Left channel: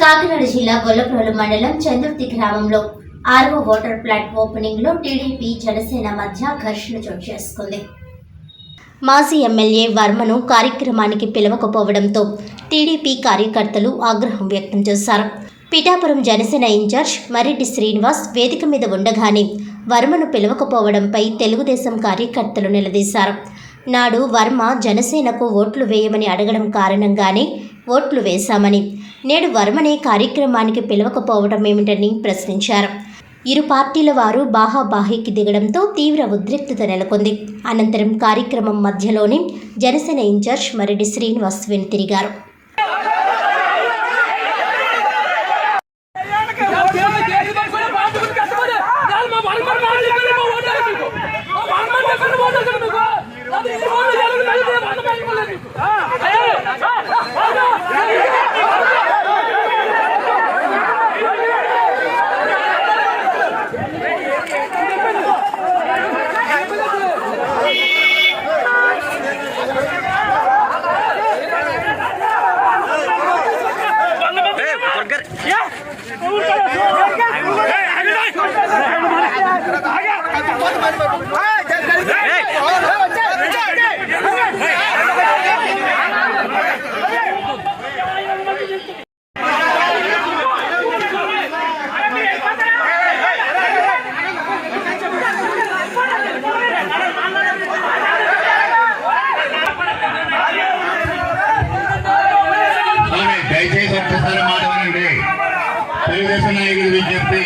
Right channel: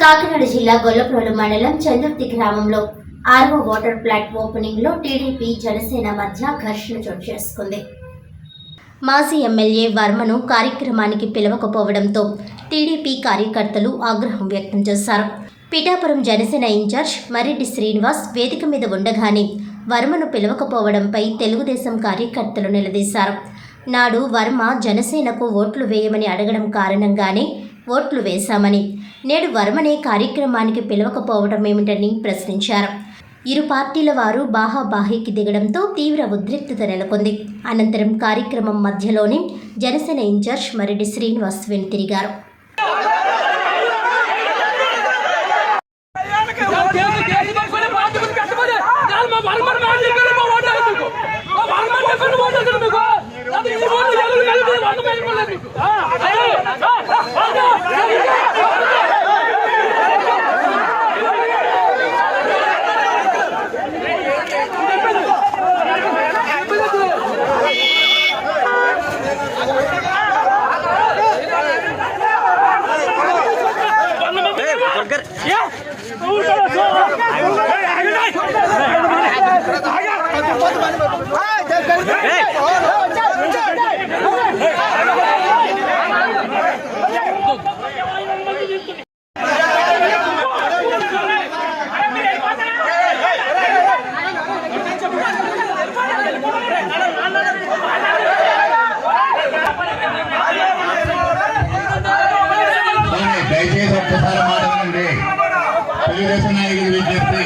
కాకినాడ జిల్లా గొల్లప్రోలు మండలం చందుర్తి గ్రామంలో 6వ వాటర్ ప్లాంట్ ఓపెనింగ్ లో టీడీపీ జనసేన మధ్య ఘర్షణ చోటు చేసుకుంది. మాజీ ఎమ్మెల్యే వర్మను కార్యక్రమానికి పిలవకపోవడంతో టీడీపీ కార్యకర్తలు ఆగ్రహం వ్యక్తం చేశారు. పిఠాపురం జనసేన ఇన్ఛార్జ్ మర్రెడ్డి శ్రీనివాస్ వేదిక మీద ఉండగానే వర్మను పిలవకపోవడంపై తెలుగుదేశం కార్యకర్తలు నిలదీశారు. నాడు వర్మ జనసేనకు ఓట్లు వేయమని అడగడం కారణంగానే ఓట్లు వేశామని, నేడు వర్మనే కార్యక్రమానికి పిలవకపోవడం ఏమిటని ప్రశ్నించారు. ఇరు పార్టీల వారు బాహాబాహీకి దిగడంతో తీవ్ర ఉద్రిక్తత నెలకొంది. అనంతరం కార్యక్రమం మధ్యలోనే జనసేన ఇన్ఛార్జ్ మర్రెడ్డి శ్రీనివాస్ వెనుతిరిగారు. దయచేసి ఒక్కసారి మాట వినండి. తెలుగుదేశం నాయకులు విజ్ఞప్తి,